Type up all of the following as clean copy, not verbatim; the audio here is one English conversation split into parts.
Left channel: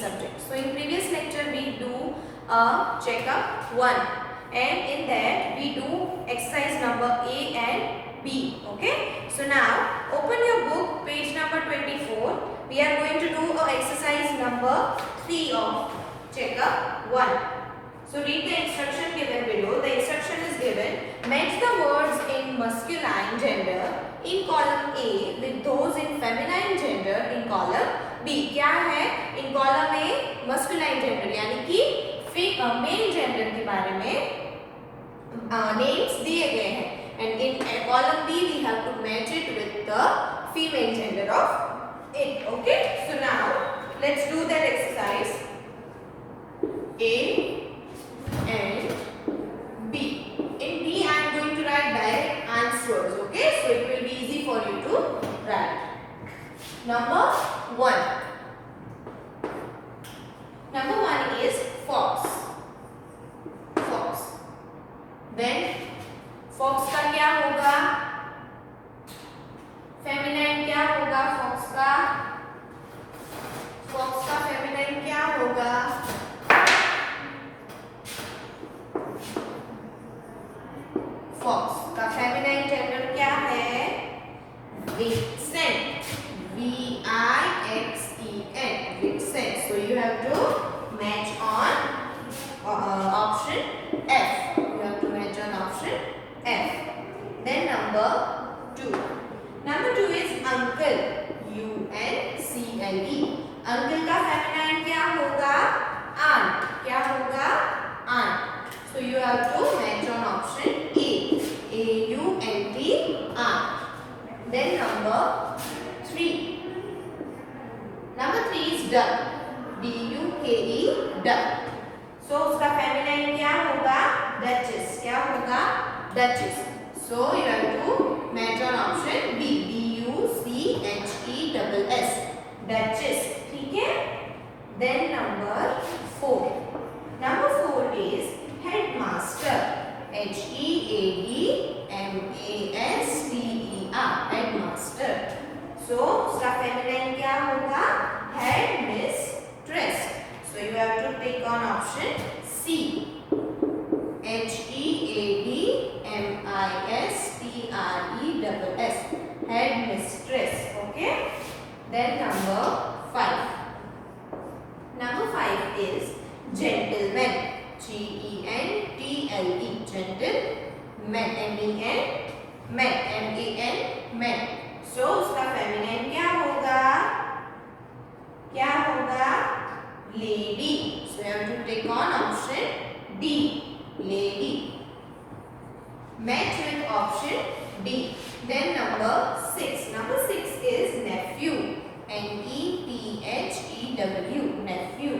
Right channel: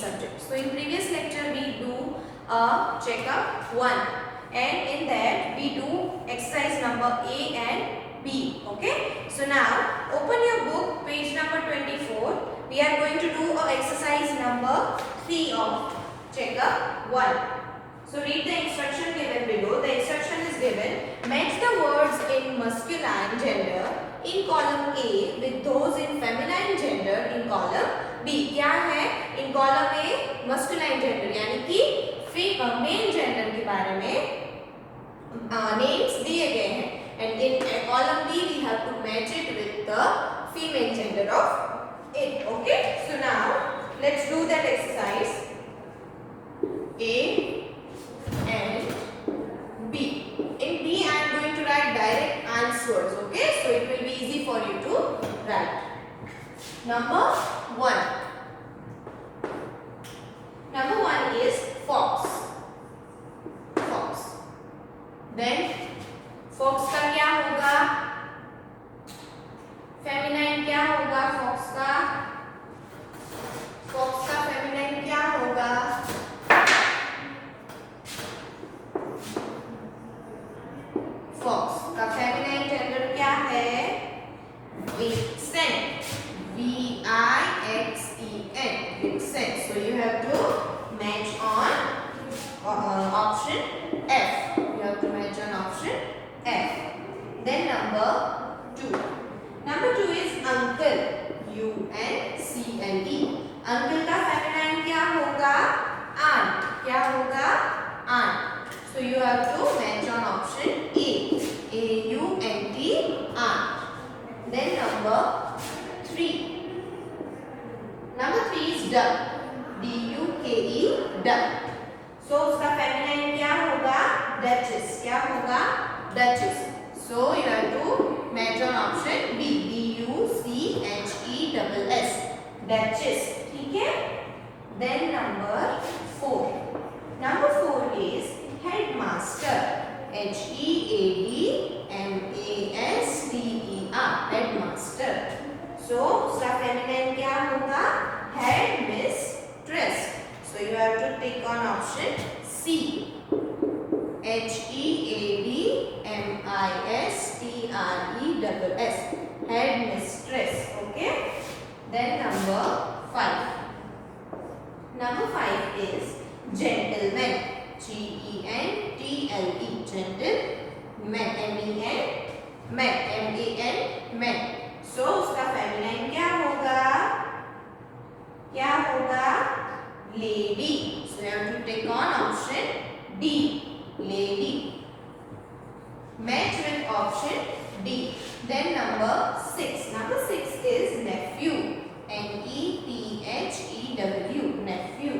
subject. So in previous lecture we do a checkup 1, and in that we do exercise number A and B. Okay. So now open your book, page number 24. We are going to do a exercise number 3 of checkup 1. So read the instruction given below. The instruction is given: match the words in masculine gender in column A with those in feminine gender in column B. क्या है? In column A masculine gender यानी कि male gender के बारे में names दिए गए हैं, and in column B we have to match it with the female gender of it. Okay. So now let's do that exercise. A and B. In B I am going to write direct answers. Okay, so it will be easy for you to write. Number 1. Number 1 is fox. Fox. Then fox का क्या होगा? Feminine क्या होगा fox का? fox का feminine क्या होगा? Fox का फेमिनाइन जेंडर क्या है? विक्सेंट. VIXEN. विक्सेंट. So you have to match on option F. You have to match on option F. Then number 2. Number 2 is uncle. UNCLE. uncle का फेमिनाइन क्या होगा? aunt. क्या होगा? aunt. So you have to match on option A. AUNT, aunt. Then number 3. Number 3 is duck. DUKE, duck. So उसका feminine क्या होगा? duchess. क्या होगा? duchess. So you have to match on option B. DUCHESS, duchess. ठीक है? Then number 4. Number 4 is headmaster. HEADMASTER, headmaster. So उसका feminine क्या होगा? headmistress. So you have to pick on option C. HEADMISTRESS, headmistress. Okay. Then number 5. Number 5 is gentleman. GENTLE, gentleman. MAN. So उसका feminine क्या होगा? क्या होगा? lady. So you have to pick on option D. lady. Match with option D. Then number 6. Number 6 is nephew. NEPHEW, nephew.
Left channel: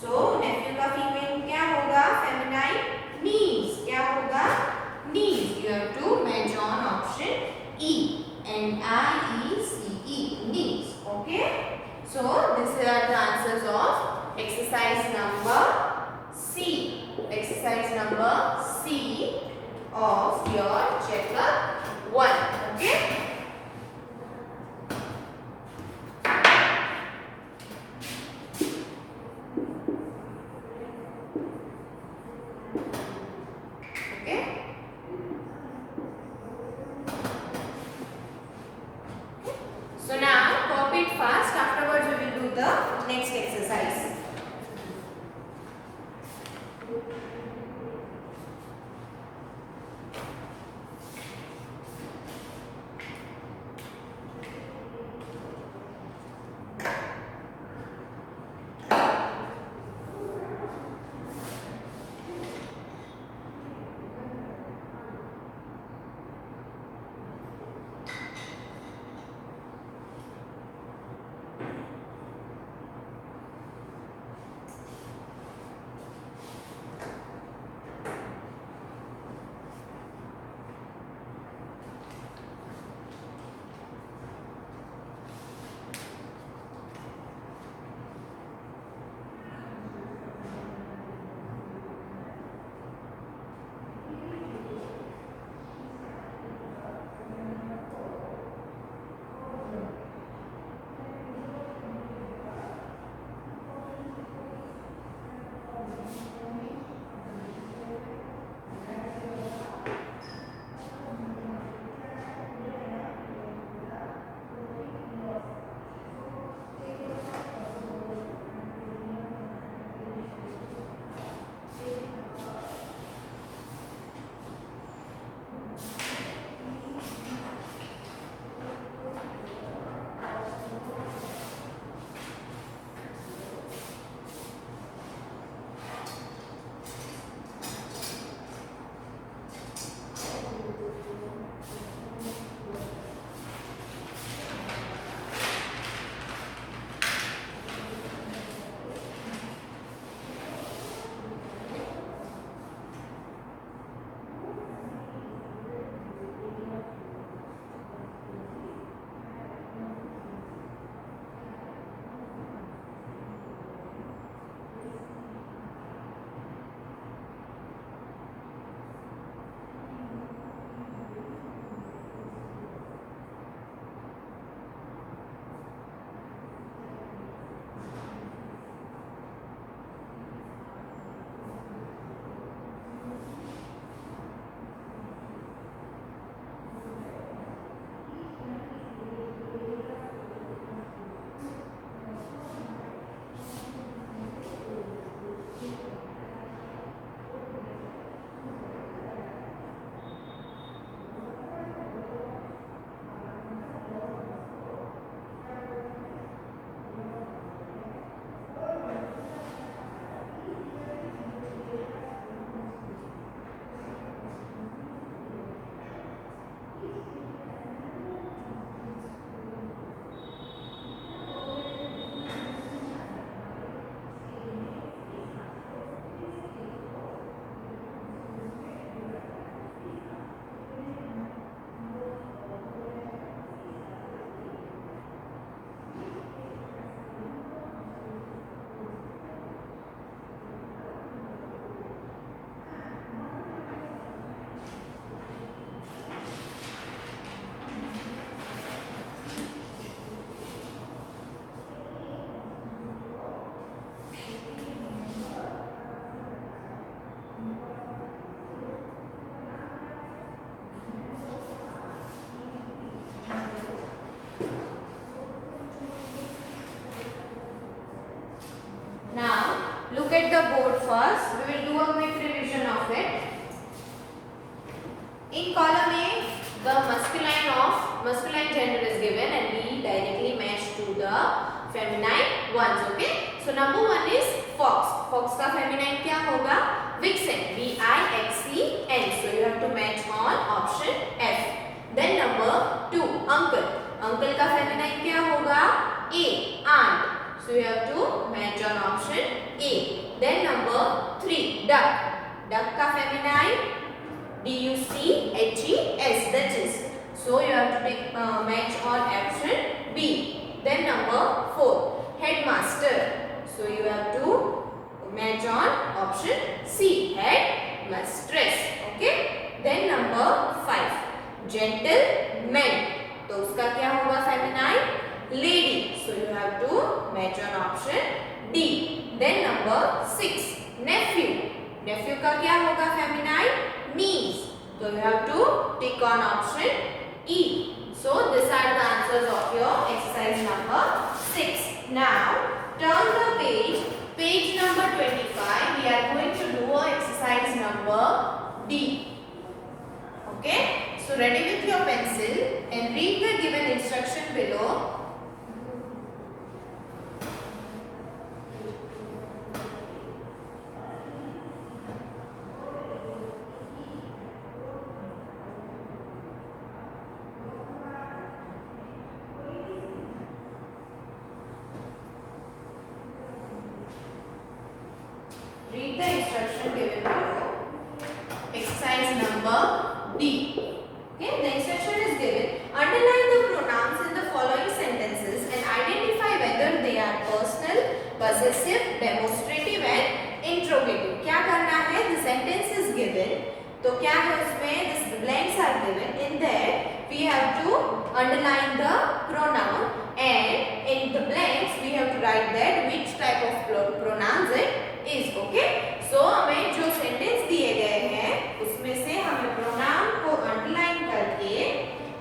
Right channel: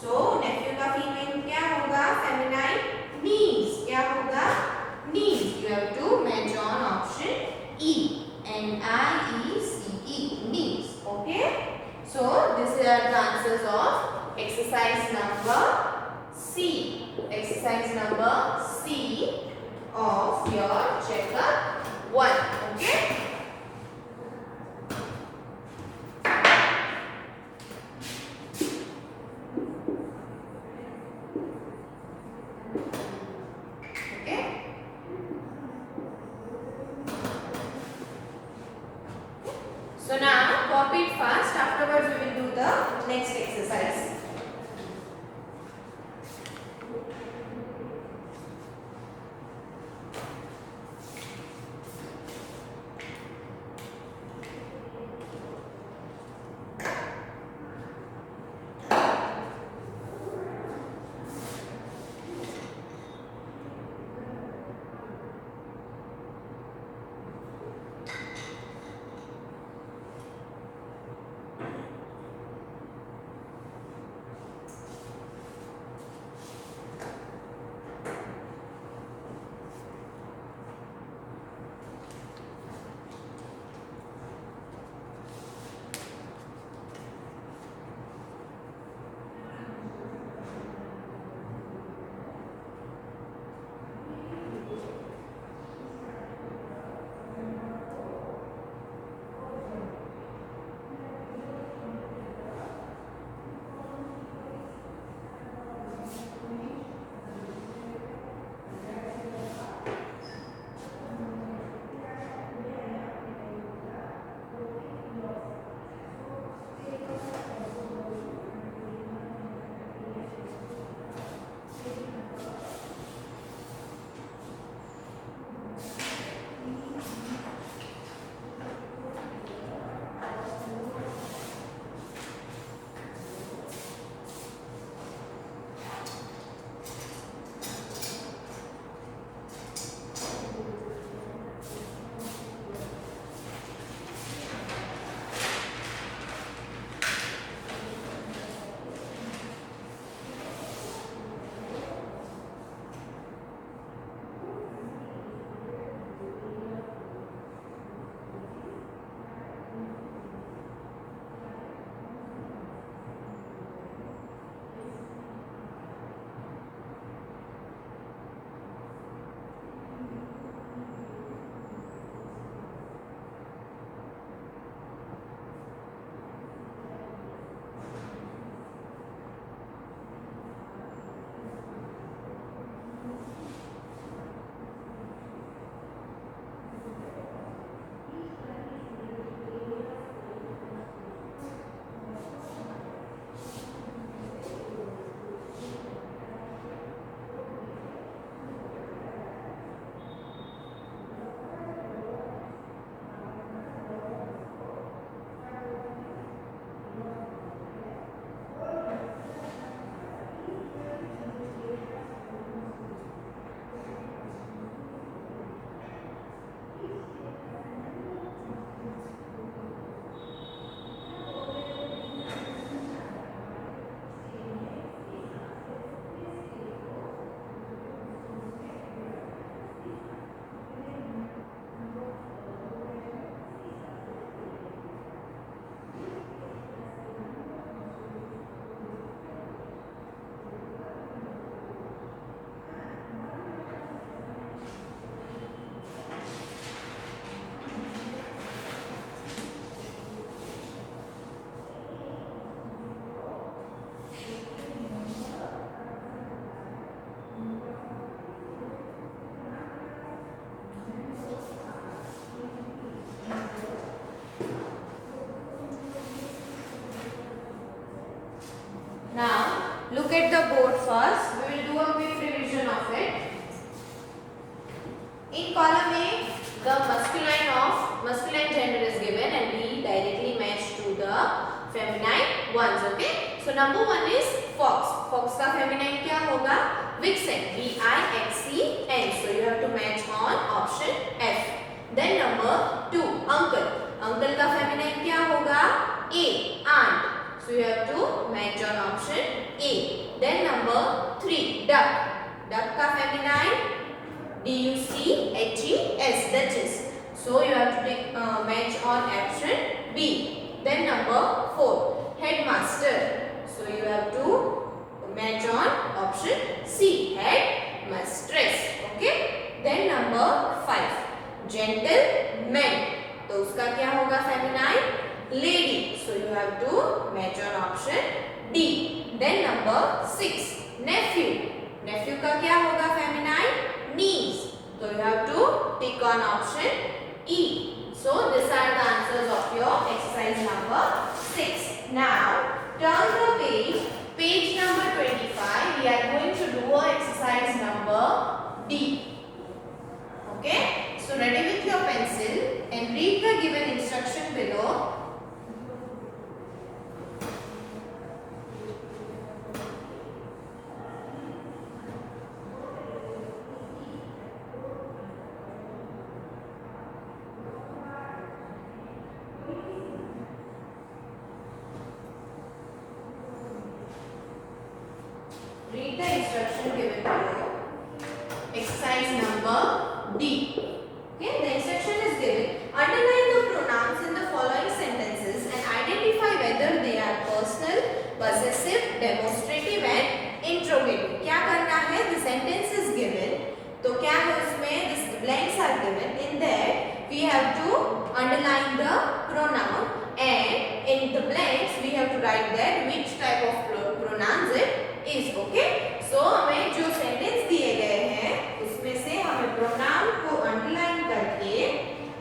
So nephew का female क्या होगा? Feminine niece. क्या होगा? niece. You have to match on option E. NIECE, niece. Okay. So these are the answers of exercise number C. Exercise number C of your chapter 1. Okay. So now copy it fast. Afterwards we will do the next exercise. look at the board first. We will do a quick revision of it. In column A, the masculine gender is given and we directly match to the feminine ones. Okay. So number 1 is fox. Fox का feminine क्या होगा? Vixen. V-I-X-E-N. So you have to match on option F. Then number 2, uncle. Uncle का feminine क्या होगा? A. Aunt. So you have to match on option A. Then number 3, duck. Duck का feminine D-U-C-H-E-S. Duchess. So you have to match on option B. Then number 4, headmaster. So you have to match on option C. Headmistress. Okay. Then number 5, gentleman. तो उसका क्या होगा feminine? Lady. So you have to match on option D. Then number 6, nephew. Nephew का क्या होगा feminine? Niece. So you have to tick on option E. So these are the answers of your exercise number 6. Now turn the page. Page number 25. We are going to do exercise number D. Okay. So ready with your pencil and read the given instruction below. Read the instruction given below. Exercise number D. Okay, the instruction is given. Underline the pronouns in the following sentences and identify whether they are personal, possessive, demonstrative and interrogative. क्या करना है? The sentence is given. तो क्या है उसमें? The blanks are given. In that we have to underline the pronoun and in the blanks we have to write that which type of pronouns it is. Okay. So हमें जो sentence दिए गए हैं उसमें से हमें pronoun को underline करके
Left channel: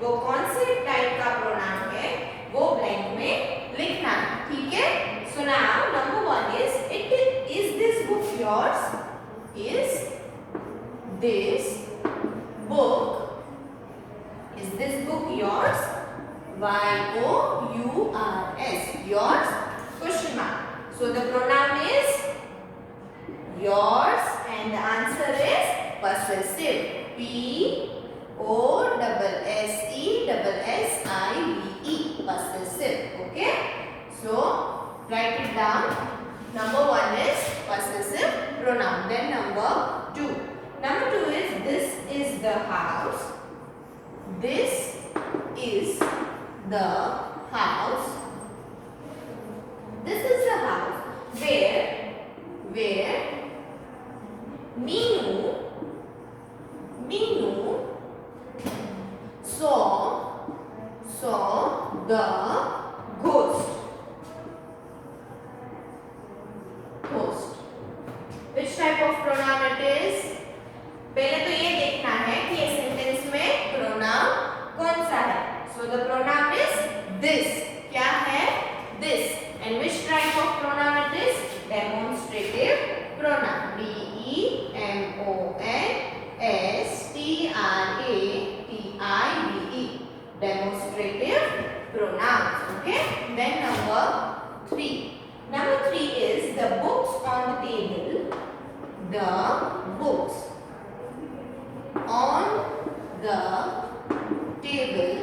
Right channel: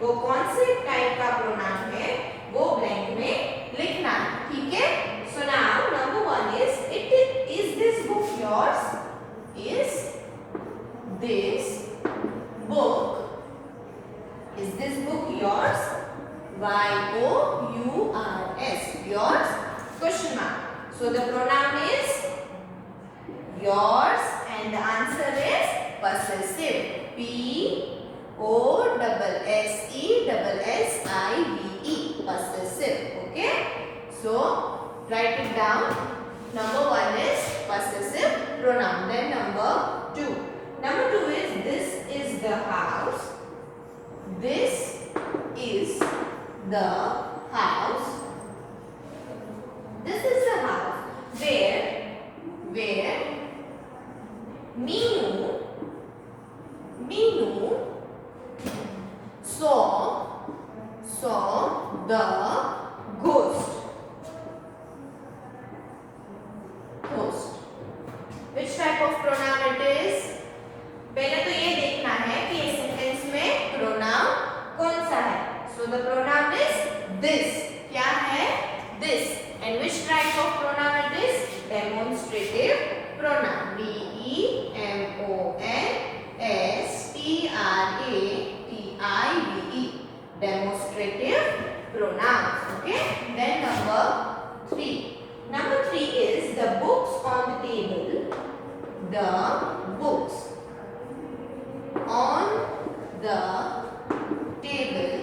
वो कौन से टाइप का pronoun है वो blank में लिखना है. ठीक है. So now number 1 is this book yours? Is this book? Is this book yours? Y-O-U-R-S. Yours? Question mark. So the pronoun is yours and the answer is possessive. P-O-S-S-E-S-S-I-V-E. Possessive. Okay. So write it down. Number 1 is possessive pronoun. Then number 2. Number 2 is this is the house. This is the house. This is the house where Meenu saw the ghost. Which type of pronoun it is? पहले तो ये देखना है कि इस sentence में pronoun कौन सा है. So the pronoun is this. क्या है? This. And which type of pronoun it is? Demonstrative pronoun. D-E-M-O-N-S-T-R-A-T-I-V-E. Demonstrative pronouns. Okay. Then number 3. Number 3 is the books on the table. The books on the table.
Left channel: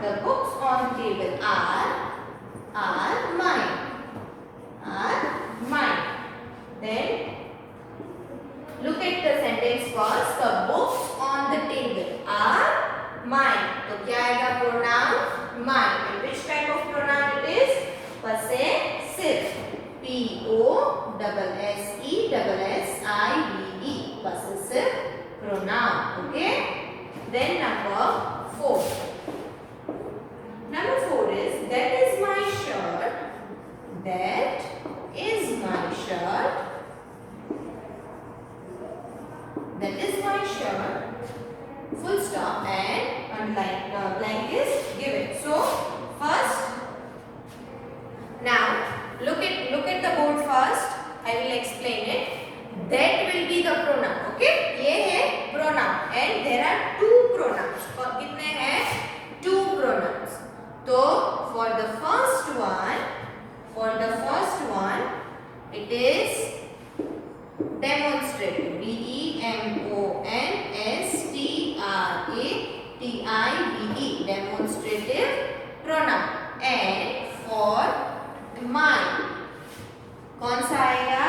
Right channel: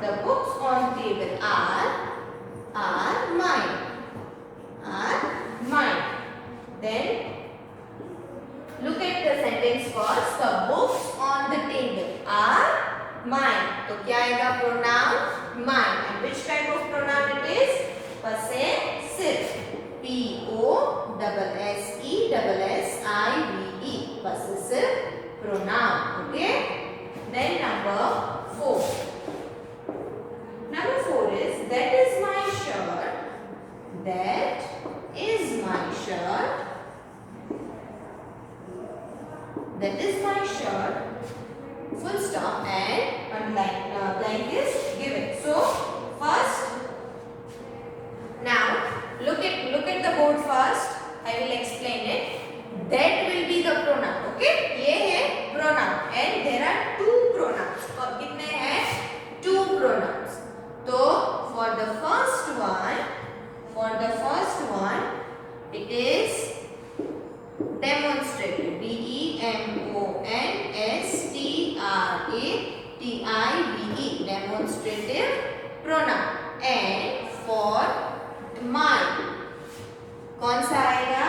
The books on table are mine. Then look at the sentence first. The books on the table are mine. तो क्या आएगा? Pronoun mine. And which type of pronoun it is? Possessive. P-O-S-S-E-S-S-I-V-E. Possessive pronoun. Okay. Then number 4. Number 4 is that is my shirt. That is my shirt. That is my shirt. Full stop and blank is given. So first, now look at the board first. I for the first one, it is demonstrative. demonstrative. Demonstrative pronoun. And for my, कौन सा आएगा?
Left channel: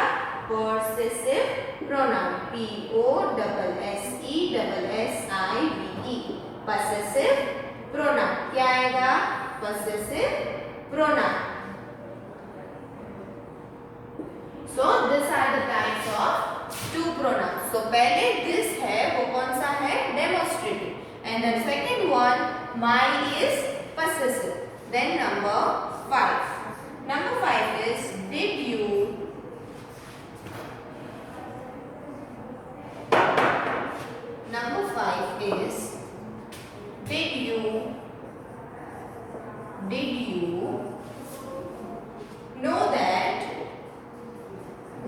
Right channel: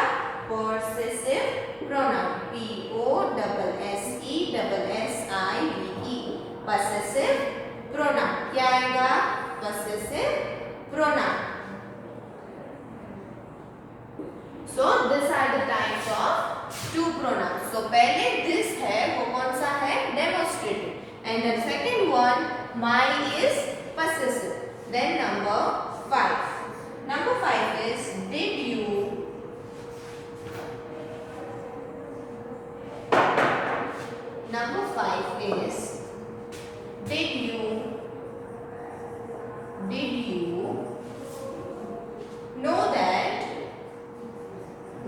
possessive pronoun. possessive. possessive pronoun. क्या आएगा? possessive pronoun. So these are the types of two pronouns. So पहले this है वो कौन सा है? demonstrative. And the second one, my, is possessive. Then number 5. Number 5 is did you. Number 5 is did you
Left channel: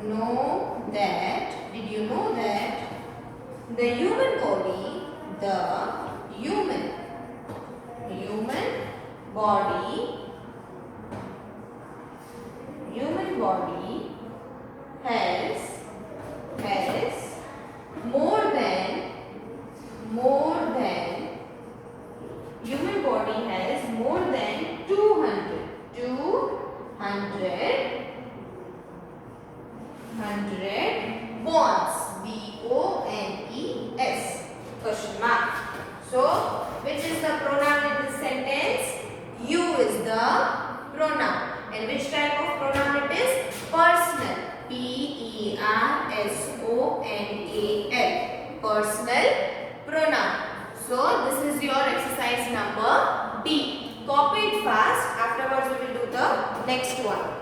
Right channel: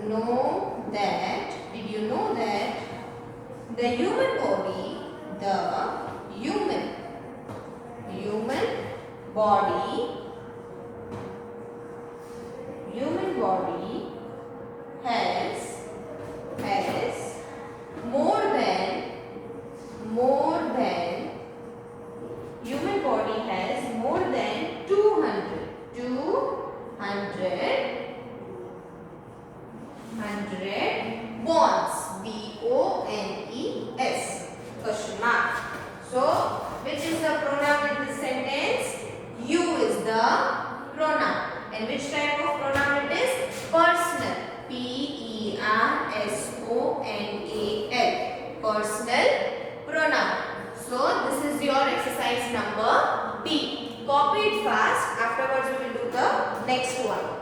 know that did you know that the human body has more than human body has more than 200 bones. BONES question mark. So which is the pronoun in this sentence? You is the pronoun. And which type of pronoun it is? Personal. PERSONAL. Personal pronoun. So this is your exercise number B. Copy it fast. Afterwards we will do the next one.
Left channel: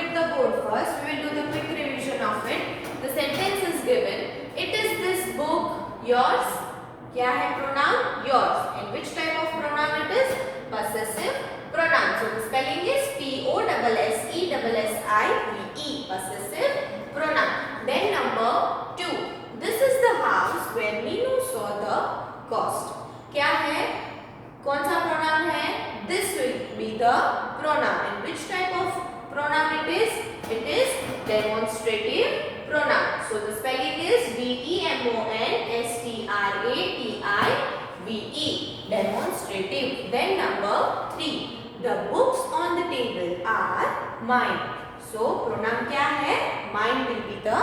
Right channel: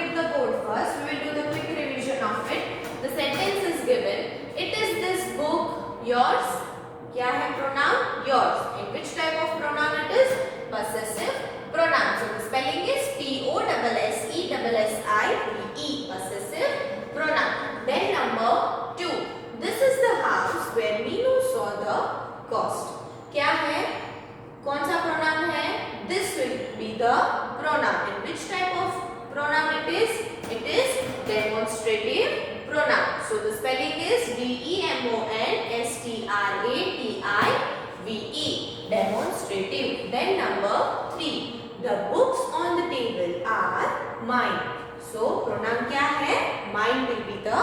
at the board first. We will do the quick revision of it. The sentence is given. It is this book yours? क्या है pronoun? Yours. And which type of pronoun it is? Possessive pronoun. So the spelling is Possessive possessive pronoun. Then number 2. This is the house where Meenu saw the ghost. क्या है? कौन सा pronoun है? This will be the pronoun. And which type of pronoun it is? It is demonstrative pronoun. So the spelling is Demonstrative. Demonstrative. Then number 3. The books on the table are mine. So pronoun क्या है? Mine will be the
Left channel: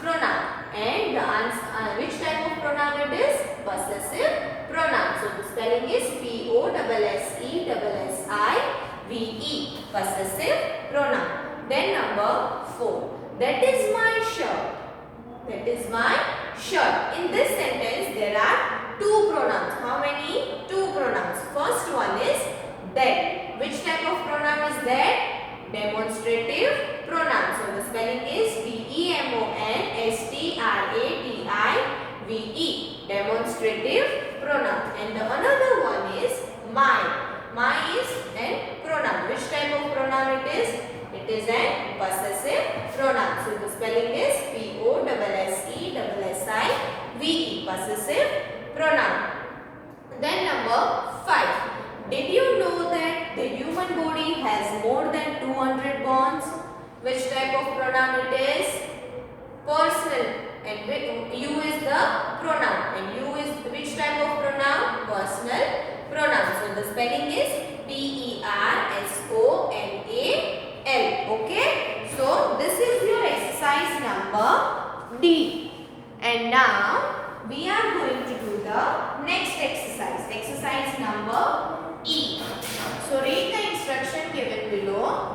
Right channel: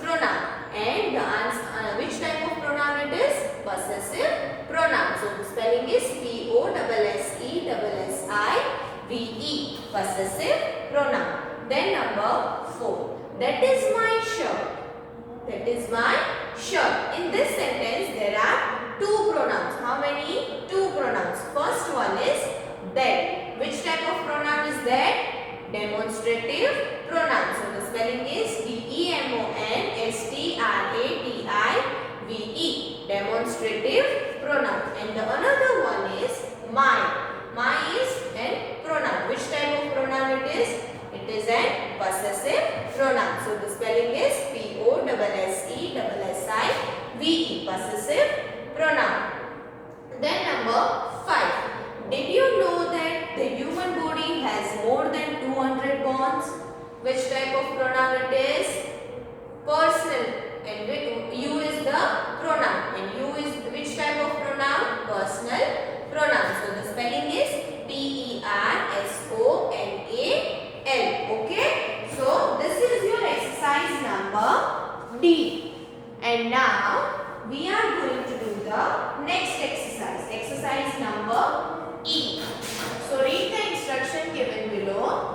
pronoun. And the answer, which type of pronoun it is? Possessive pronoun. So the spelling is Possessive. Possessive pronoun. Then number 4. That is my shirt. That is my shirt. In this sentence there are 2 pronouns. How many? 2 pronouns. First one is that. Which type of pronoun is that? Demonstrative pronoun. So the spelling is Demonstrative. Demonstrative pronoun. And the another one is my. My is an pronoun. Which type of pronoun it is? It is an possessive pronoun. So the spelling is Possessive. Possessive pronoun. Then number 5. Did you know that the human body has more than 200 bones? Which type of pronoun it is? Personal. And you is the pronoun. And you is which type of pronoun? Personal pronoun. So the spelling is Personal. Okay. So this is your exercise number D. And now we are going to do the next exercise. Exercise number E. So read the instruction given below.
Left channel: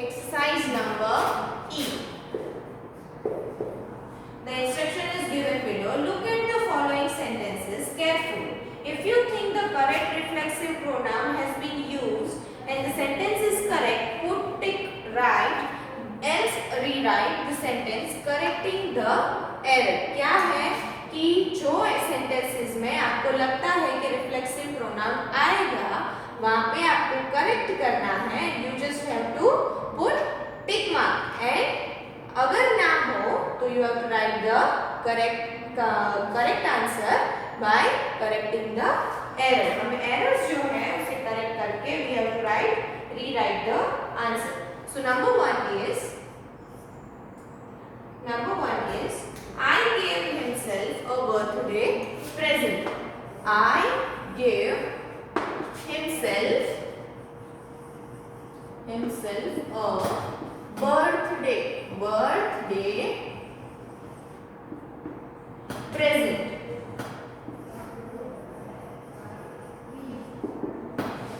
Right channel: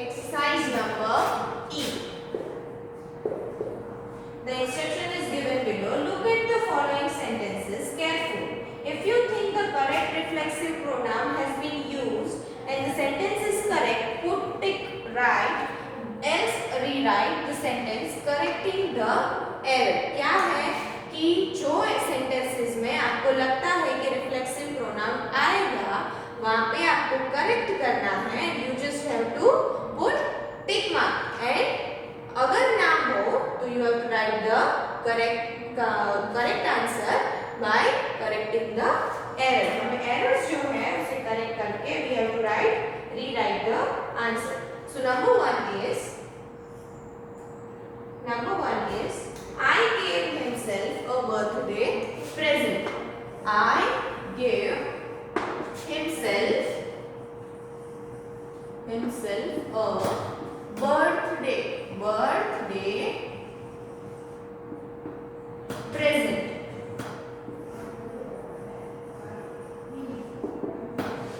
Exercise number E. The instruction is given below. Look at the following sentences carefully. If you think the correct reflexive pronoun has been used and the sentence is correct, put tick right, else rewrite the sentence correcting the error. क्या है कि जो sentences में आपको लगता है कि reflexive pronoun आएगा, वहाँ पे आपको correct करना है. You just have to put tick mark. And अगर ना हो तो you have to write the correct answer by correcting the error. हमें errors जो है उसे correct करके we have to rewrite the answer. So number one is I gave himself a birthday present. I gave himself a birthday present.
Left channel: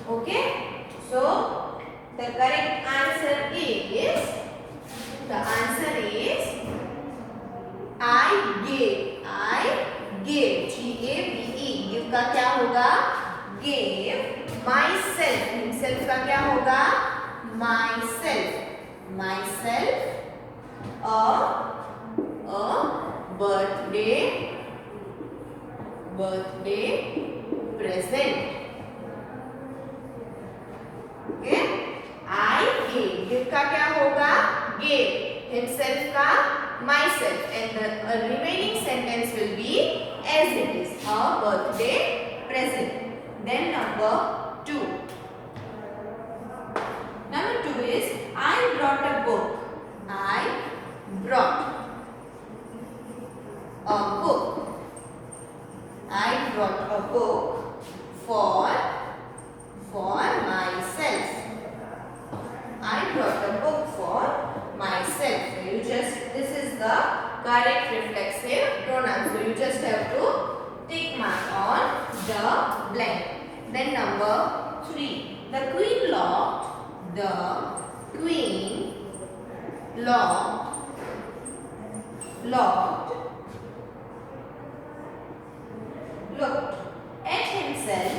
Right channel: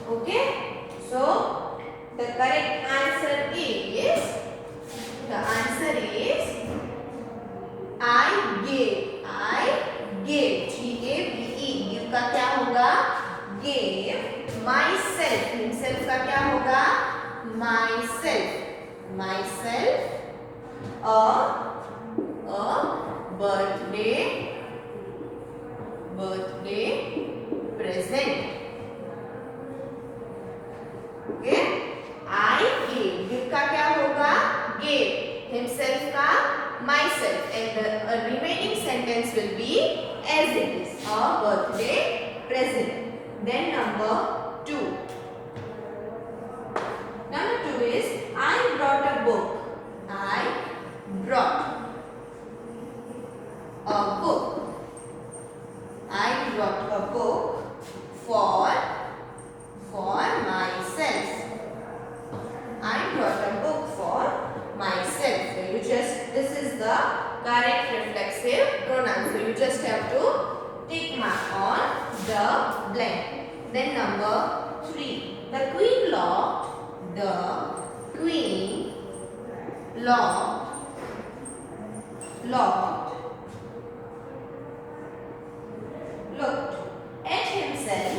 Okay, so the correct answer is I gave. G-A-V-E. give का क्या होगा? gave myself. himself का क्या होगा? myself a birthday present. Okay, I gave. give का क्या होगा? gave. himself का myself, and the remaining sentence will be as it is, a birthday present. Then number 2. Number 2 is I brought a book. I brought a book. I brought a book for myself. I brought a book for myself. So you just, this is the correct reflexive pronoun. So you just have to tick mark on the blank. Then number 3. The queen locked. The queen locked looked at himself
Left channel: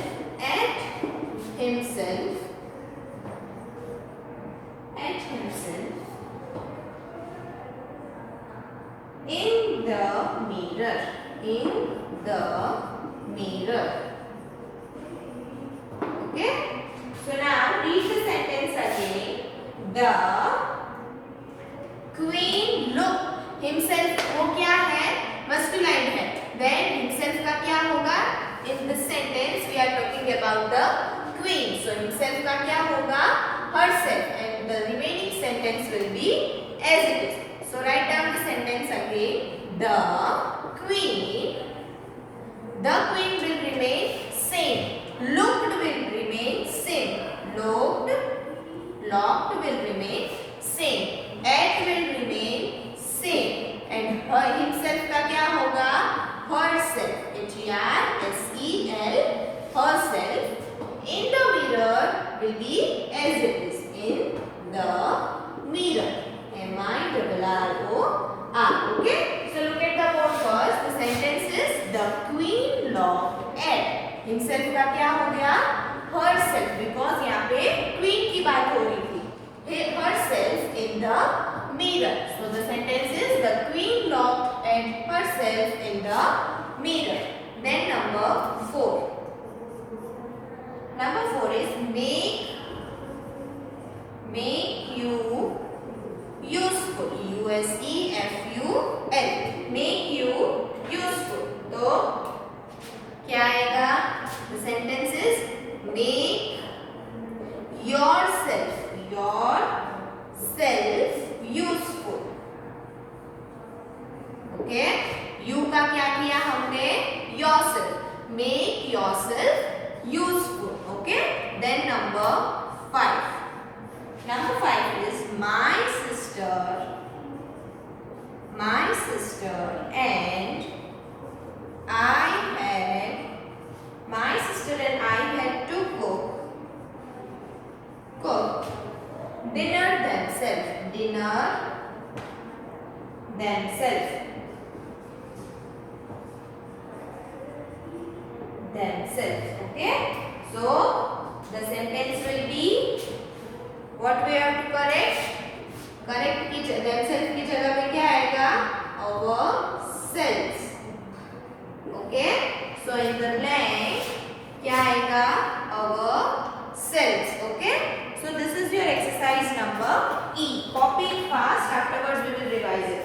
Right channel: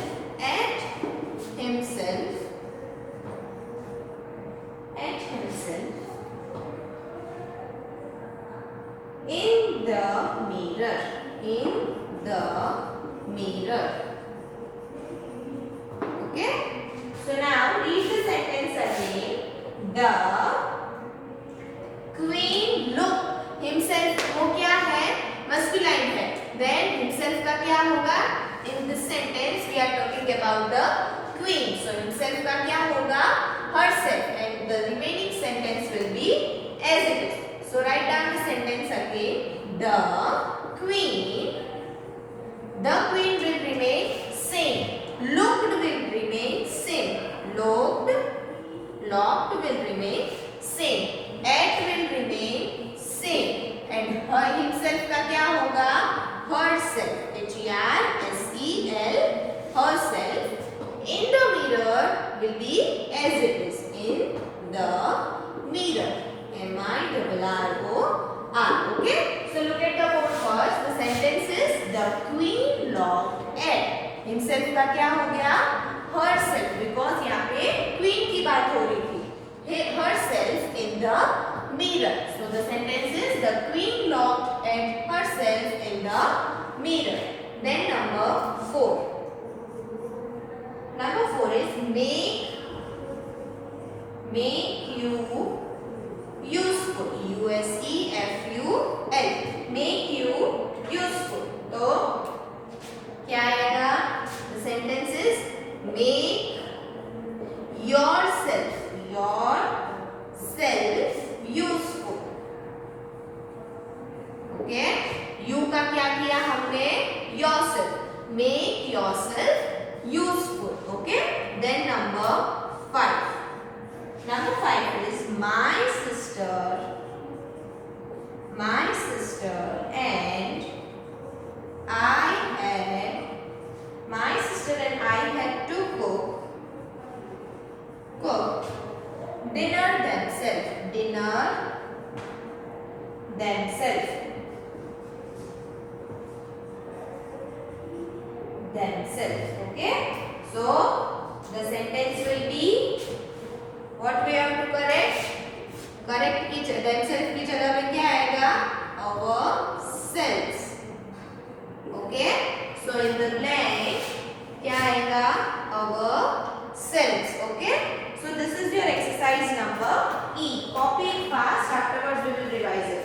in the mirror. Okay, so now read the sentence again. The queen looked. Himself वो क्या है? Masculine है. Then himself का क्या होगा? In this sentence we are talking about the queen. So himself का क्या होगा? Herself. And the remaining sentence will be as it is. So write down the sentence again. The queen will remain same. Looked will remain same. Locked will remain same. At will remain same. And her himself का क्या होगा? Herself. H-E-R-S-E-L. Herself. In the mirror will be as it is. In the mirror. M-I-R-R-O-R. Okay? So look at the whole verse. The sentence is the queen locked at. Himself का क्या हो गया? Herself. Because यहाँ पे queen की बात हो रही थी. Herself in the mirror. So the sentence is the queen locked at herself in the mirror. Then number 4. Number 4 is make you useful. U-S-E-F-U-L. Make you useful. तो क्या आएगा? The sentence is make yourself useful. Okay? You का क्या किया हमने? Yourself. Make yourself useful. Okay? Then number 5. Number 5 is my sister and I had to cook dinner themselves. Okay? So the sentence will be, what we have to correct? Correct की themselves की जगह में क्या आएगा? Ourselves. Okay? So in the blank क्या आएगा? Ourselves. Okay? So this is your exercise number E. Copy it fast. Afterwards we will revise it.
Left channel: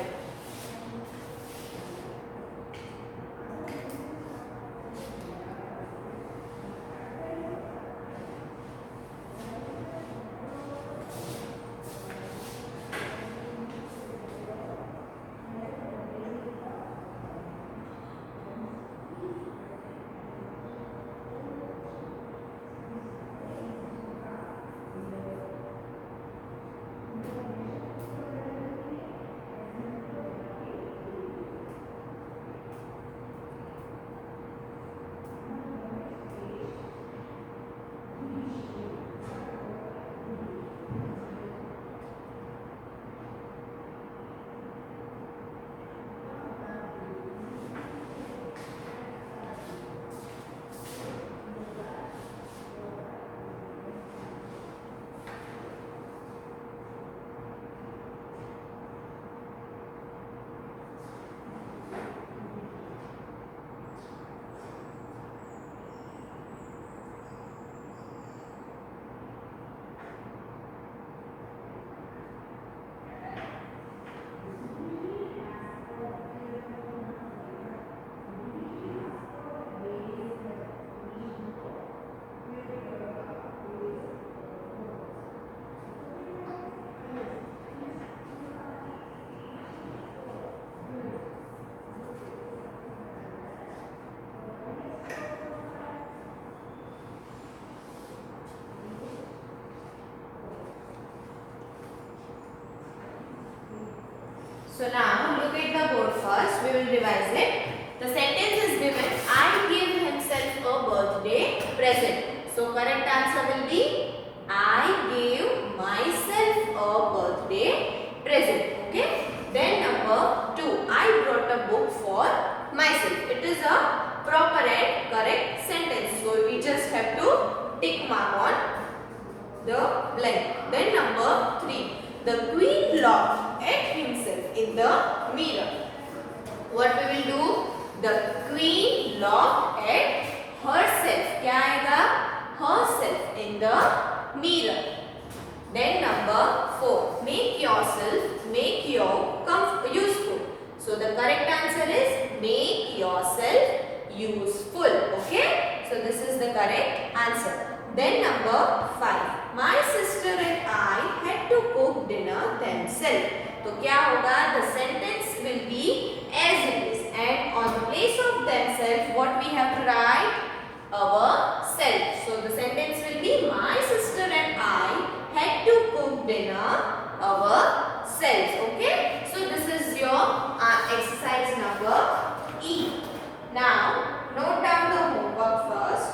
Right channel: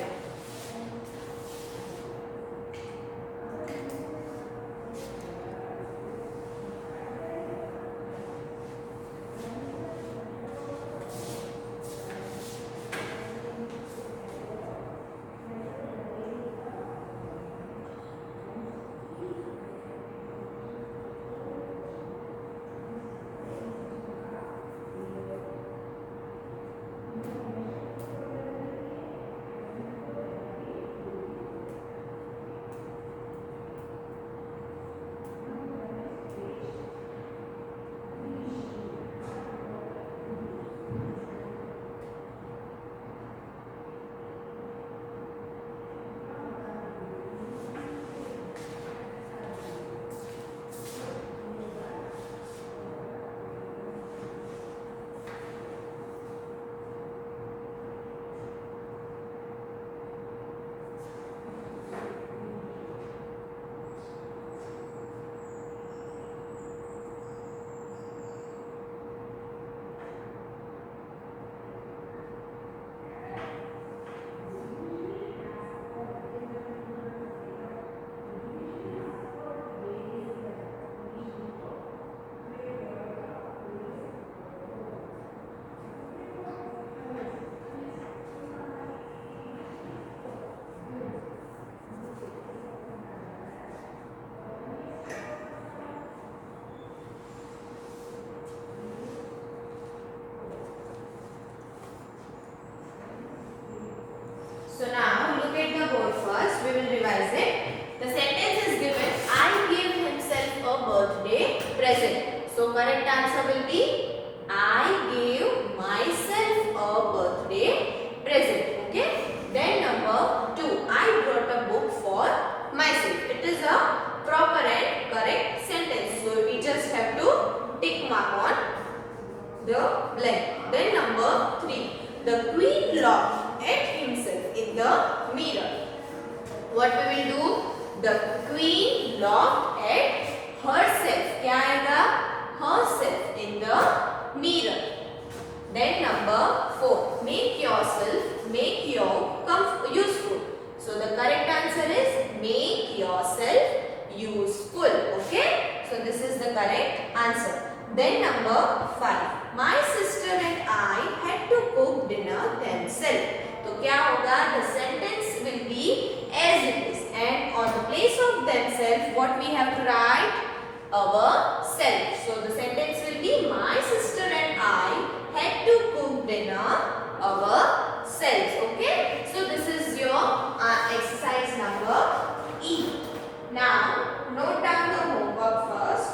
will revise it. The sentence is given, I gave himself a birthday present. So correct answer will be, I gave myself a birthday present. Okay. Then number 2, I brought a book for myself. It is a proper and correct sentence. So we just have to tick mark on the blank. Then number 3, the queen looked at himself in the mirror. What we will do? The queen looked at herself. क्या आएगा? Herself in the mirror. Then number 4, make your useful. So the correct answer is make yourself useful. Okay. So this is the correct answer. Then number 5, my sister and I had to cook dinner themselves. तो क्या होगा? The sentence will be as it is, and on the place of themselves, what we have to write? Ourselves. So the sentence will be, my sister and I had to cook dinner ourselves. Okay. So this is your exercise number E. Now note down the homework first.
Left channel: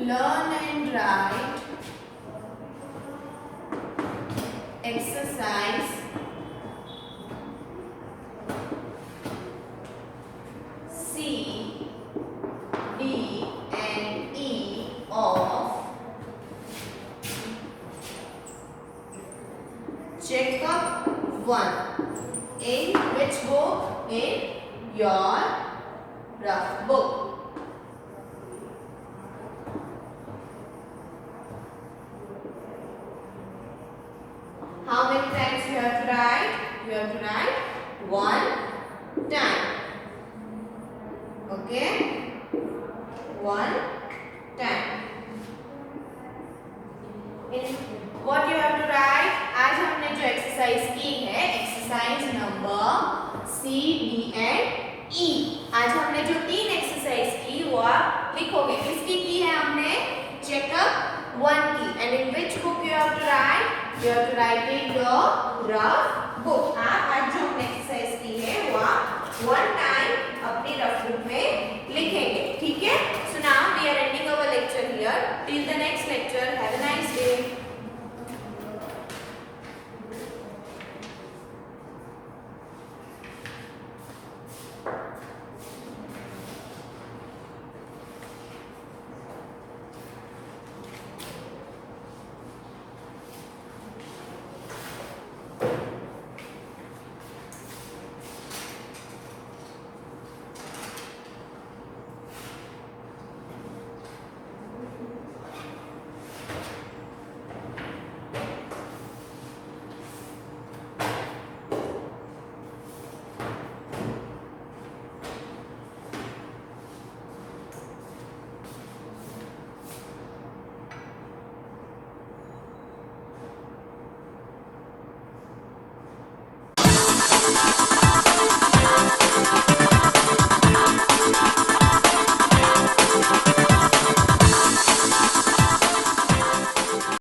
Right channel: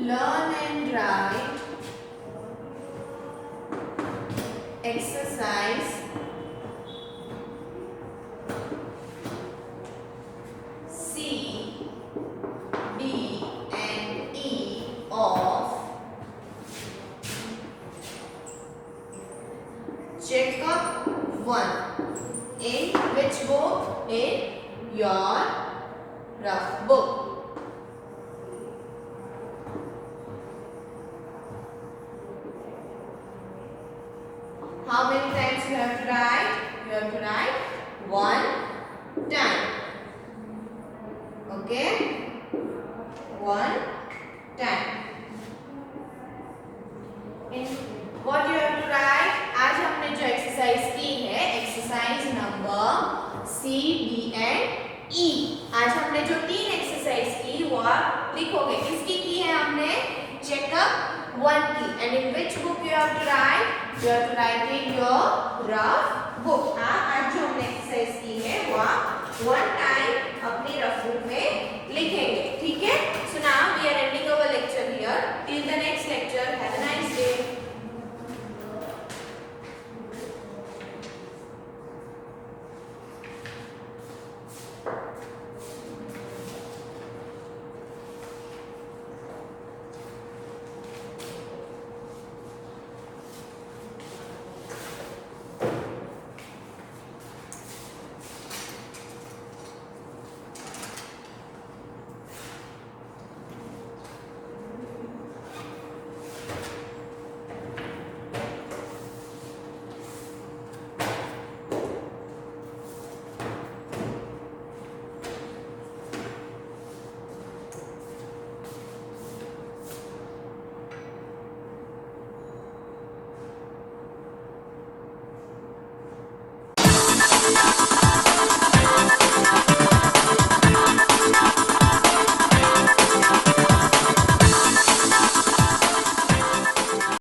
Learn and write exercise C, D and E of checkup 1. In which book? In your rough book. How many times you have to write? You have to write 1 time. Okay? 1 time. In what you have to write? आज हमने जो exercise की है, exercise number C, D and E. आज हमने जो 3 exercise की वो आप लिखोगे. किसकी की है हमने? चेकअप 1 की. And in which book you have to write? You have to write in your rough book. आज जो हमने एक्सरसाइज की है वो आप 1 टाइम अपनी रफ बुक में लिखेंगे.